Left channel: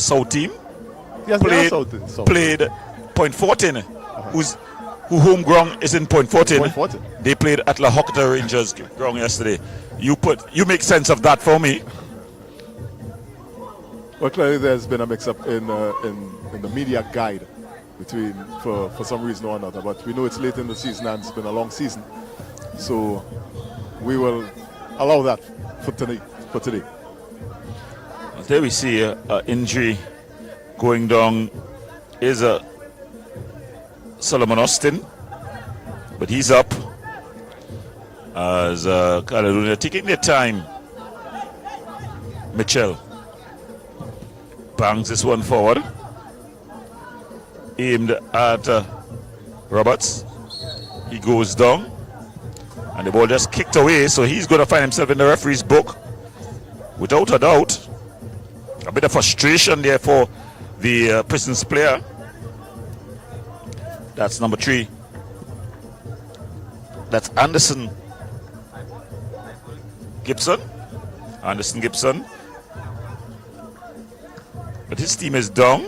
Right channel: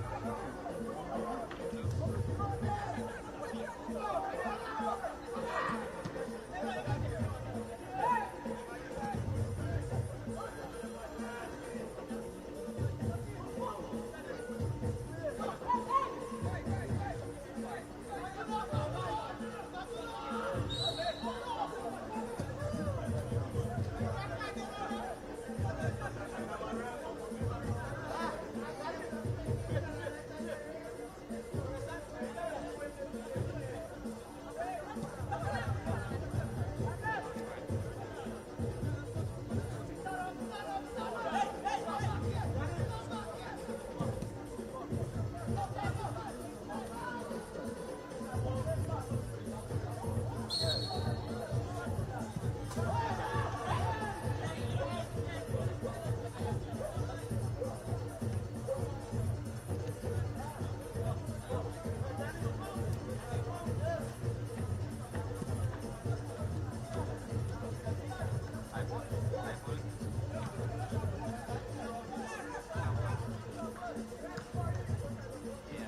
South team. Yes, Played Point 14, who home ground is in Point 14. Point 14. They played at La Hocta Rangers ground yesterday. You make sense of that for me. Well, clearly there's been a mix-up in the media guide between for some reason or another. But we know it's late in the season and it's been a long season, so we will allow that for today. There we see an injury going down is Solomon Austin, but he's up as Caledonia taking their time. Mitchell bangs this one forward, aimed at Roberts. He goes down, and the ball just kicked away, so he's going to find himself in the referee's book without a doubt. A bit of frustration there for the Prisons player. That's number 3. That's Anderson Gibson. But his team is down.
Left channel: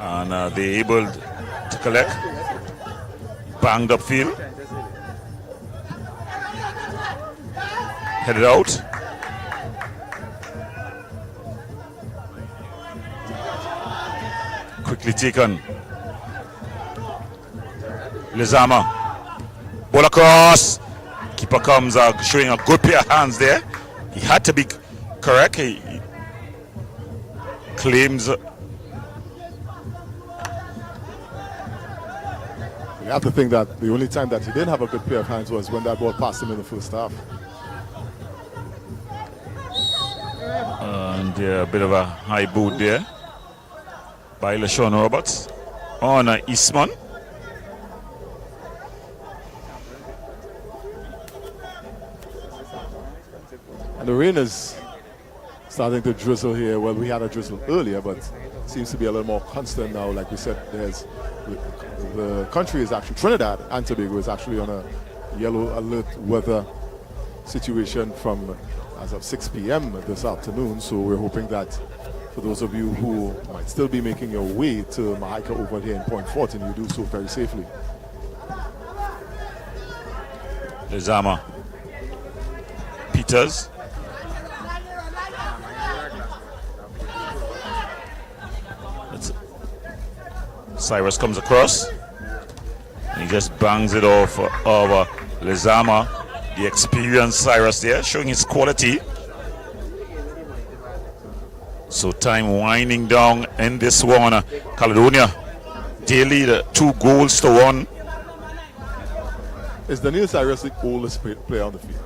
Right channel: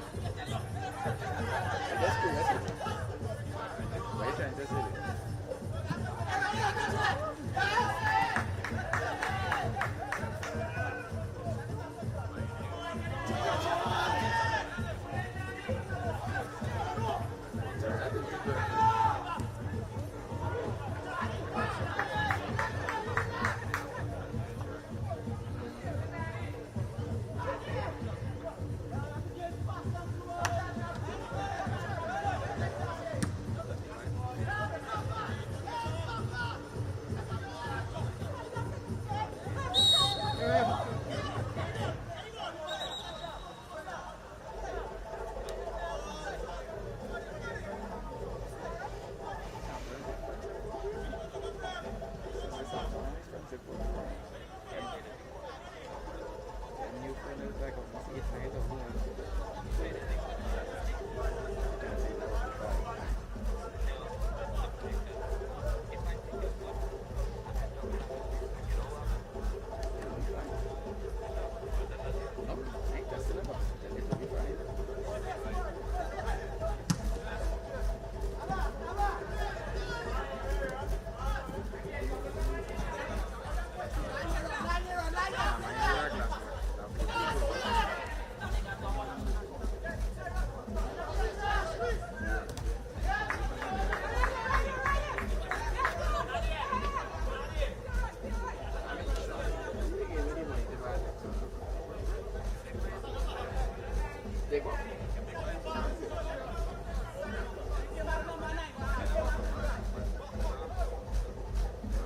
And they're able to collect. Banged up field. Headed out. Quickly taken. Lizama. Ball across. Keeper comes showing a good pair of hands there. He had to be correct. He claims. You have to think that the only time that he didn't have a good pair of hands was when that ball passed him in the first half. And a bit of a high boot there by LaShawn Roberts on Eastman. And the rain is starting to drizzle here. Well, we had a drizzle earlier, but it seems to be a little more constant now. Like we said, the country is actually, Trinidad and Tobago is actually on a yellow alert weather situation from as of 6 p.m. this afternoon. So we're hoping that for those of you who might still be making your way to Mahaika over here in Point 14, you do so very safely. Lizama. Peters. Cyrus comes across. He just bangs it off over Lizama. The experienced Cyrus there, showing his quality. So time winding down in this one. Caledonia, they lead 2 goals to 1. Is Daniel Cyrus the oldest player on the field?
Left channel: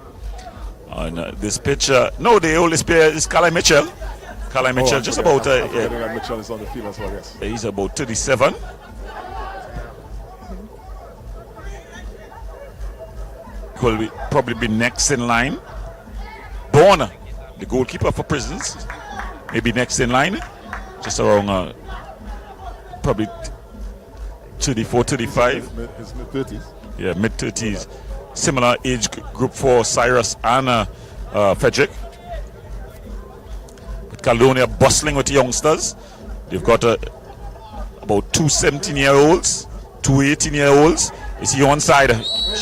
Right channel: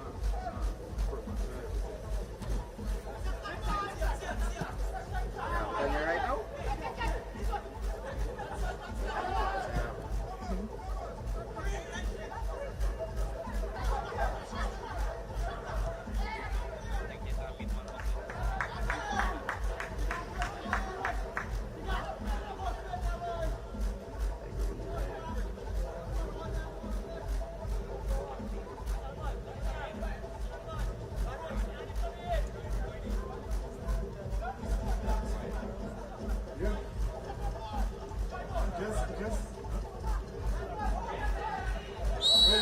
On this pitch, no, the oldest player is Calais Mitchell. Calais Mitchell, just about. Mitchell is on the field as well, yes. He's about 37. Will probably be next in line. Bourne, the goalkeeper for Prisons, maybe next in line, just around probably 34, 35. His mid-30s. Yeah, mid-30s. Similar age group for Cyrus and Frederick. Caledonia bustling with youngsters. They've got about 2 17-year-olds, 2 18-year-olds. You see one side,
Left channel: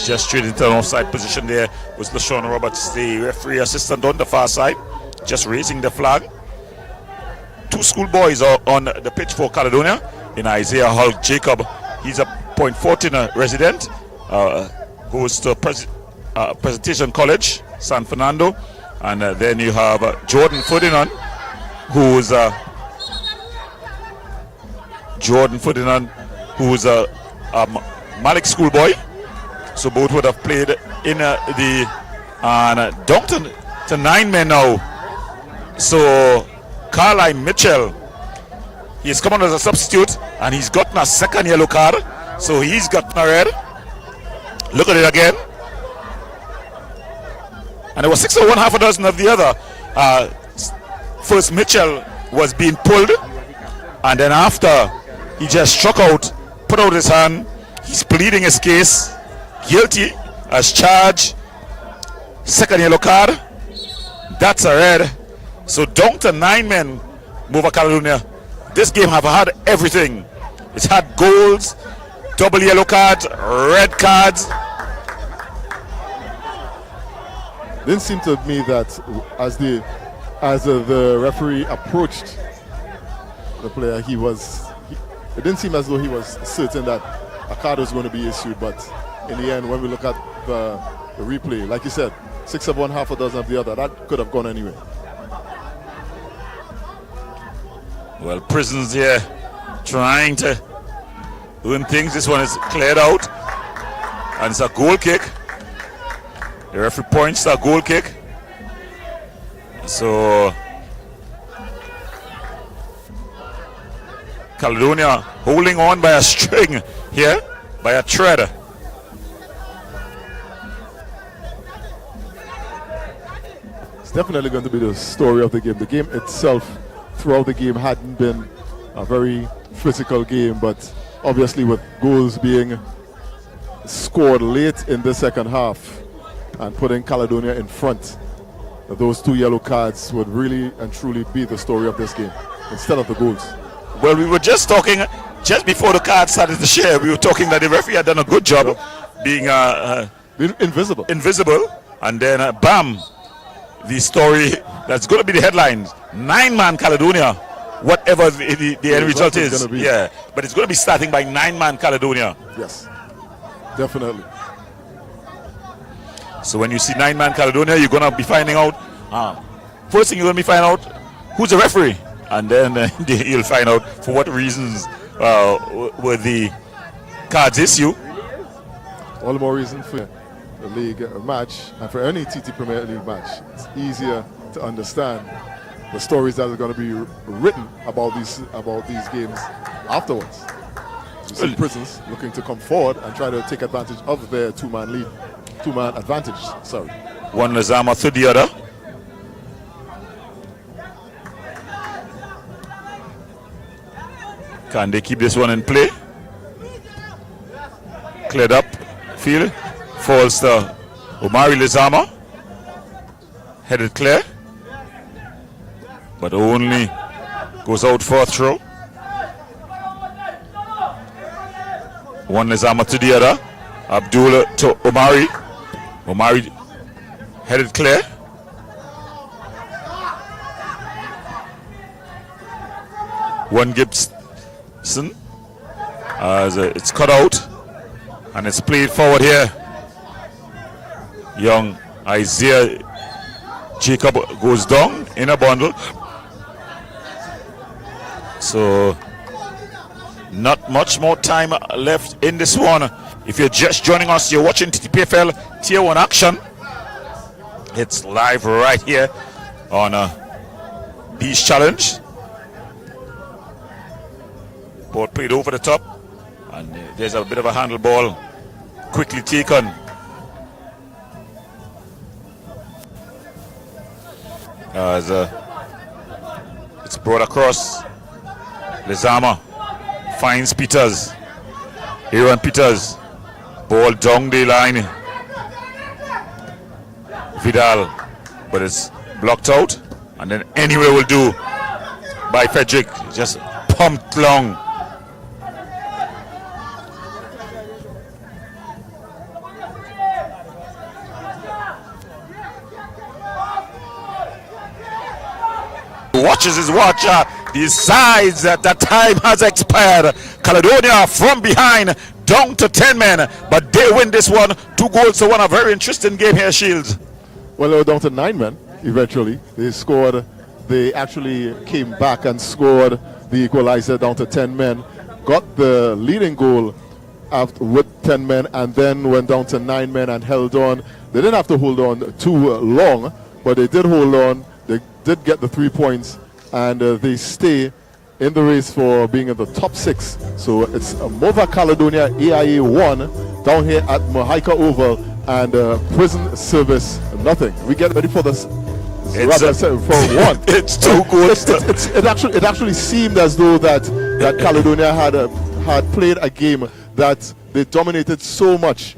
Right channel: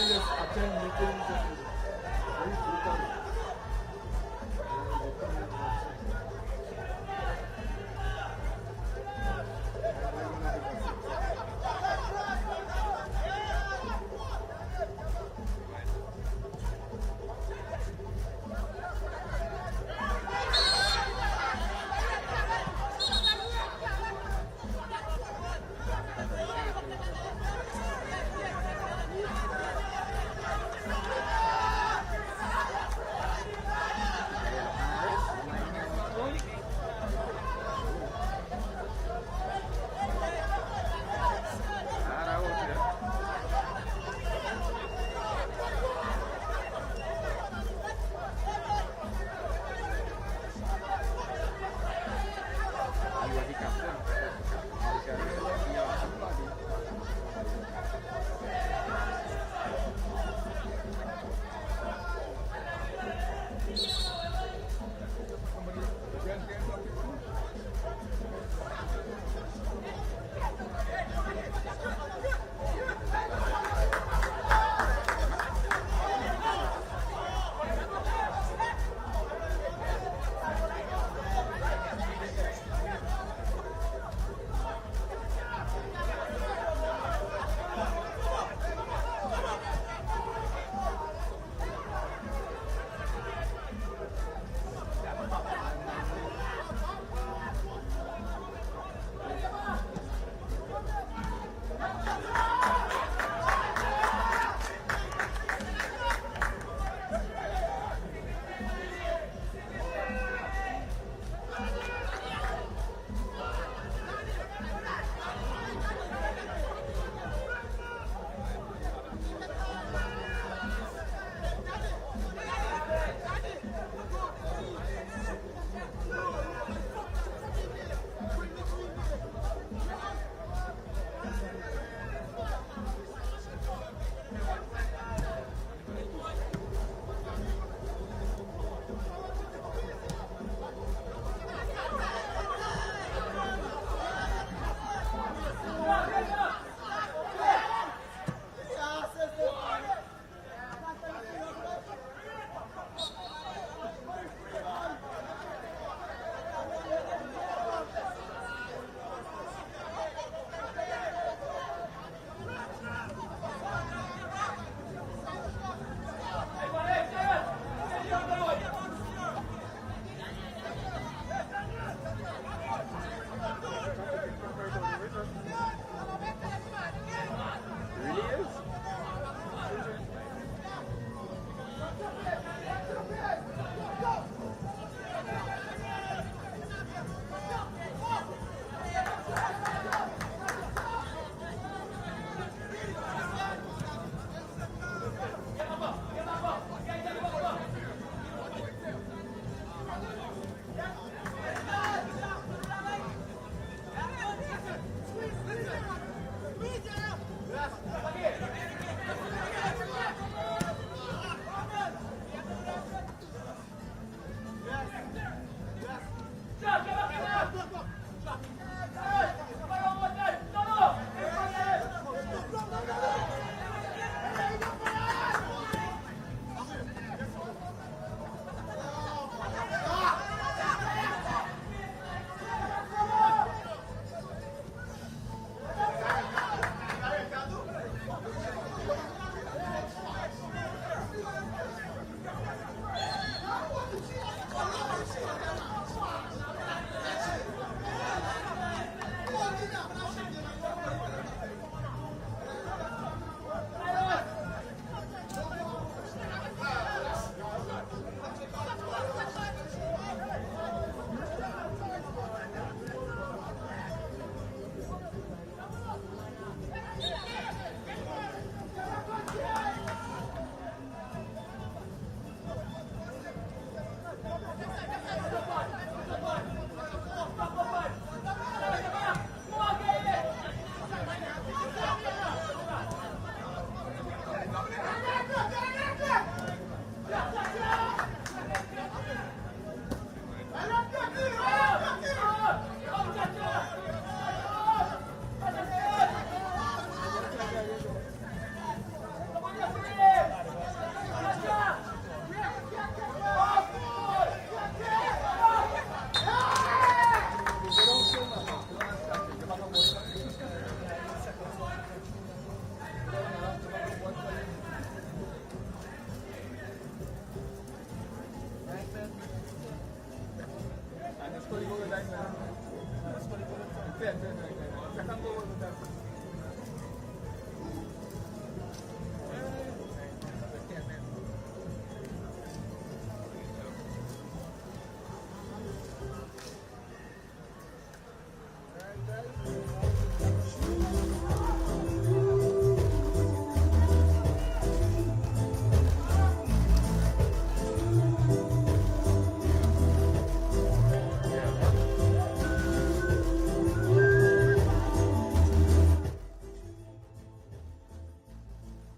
just straight into an offside position there was LaShawn Roberts, the referee assistant on the far side, just raising the flag. 2 schoolboys are on the pitch for Caledonia. In Isaiah Hull Jacob, he's a Point 14 resident, goes to Presentation College, San Fernando. And then you have Jordan Ferdinand, who's a Malik schoolboy. So both would have played in down to 9 men now. So Carline Mitchell, he's come on as a substitute and he's gotten a second yellow card. So he's gotten a red. Look at it again. And there was 6 of one, half a dozen of the other. First Mitchell was being pulled, and then after he just struck out, put out his hand. He's pleading his case, guilty as charged. Second yellow card. That's a red. So down to 9 men, Mova Caledonia. This game have had everything. It's had goals, double yellow cards, red cards. Didn't seem to me that as the referee approached the player, it didn't seem as though he was certain that a card was going to be issued. But in the end, when we look at the replay, like you said, 6 of one, half a dozen of the other, that could have gone anywhere. Well, Prisons here trying to win things. This one is cleared out, and it's a goal kick. The referee points to a goal kick. So Caledonia holding on by a string here, by a thread. It's definitely going to be the story of the game. The game itself, throughout the game, hadn't been a very physical game, but obviously with goals being scored late in the second half and putting Caledonia in front, those 2 yellow cards would really and truly be the story of this game instead of the goals. Well, we were just talking, just before the cards started to share, we were talking that the referee had done a good job being invisible. And then bam, the story that's going to be the headlines: 9-man Caledonia, whatever the end result is. Yeah, but it's going to be starting by 9-man Caledonia. Yes, definitely. So when you see 9-man Caledonia, you're going to be finding out, first thing you're going to be finding out, who's the referee? And then you'll find out for what reasons were the cards issued. All the more reason for the league match, and for any TT Premier League match, it's easier to understand the stories that are going to be written about these games afterwards. You see Prisons looking to come forward and try to take advantage of their 2-man advantage. Sorry. One Lazama to the other. Can they keep this one in play? Cleared up field. Falls to Omari Lizama. Headed clear. But only goes out for a throw. One Lizama to the other. Abdullah to Omari. Omari headed clear. One Gibson. As it's cut out and it's played forward here. Young Isaiah Jacob goes down in a bundle. So not much more time left in this one. If you're just joining us, you're watching TTPFL Tier 1 action. It's live right here on Beach Challenge. Ball played over the top, and there's a bit of a handle ball quickly taken. As it's brought across. Lizama finds Peters. Aaron Peters. Ball down the line. Vidal, but it's blocked out, and then anywhere will do by Frederick. Just pumped long. Watches his watch. Decides that the time has expired. Caledonia from behind, down to 10 men, but they win this one 2-1. A very interesting game here, Shields. Well, they were down to 9 men eventually. They actually came back and scored the equalizer down to 10 men. Got the leading goal with 10 men, and then went down to 9 men and held on. They didn't have to hold on too long, but they did hold on. They did get the 3 points, and they stay in the race for being in the top 6. So it's Mova Caledonia AIA 1 down here at Mahaika Oval, and Prison Service nothing. We get ready for this. For one. It's too good. It actually seemed as though that Caledonia had played a game that they dominated so much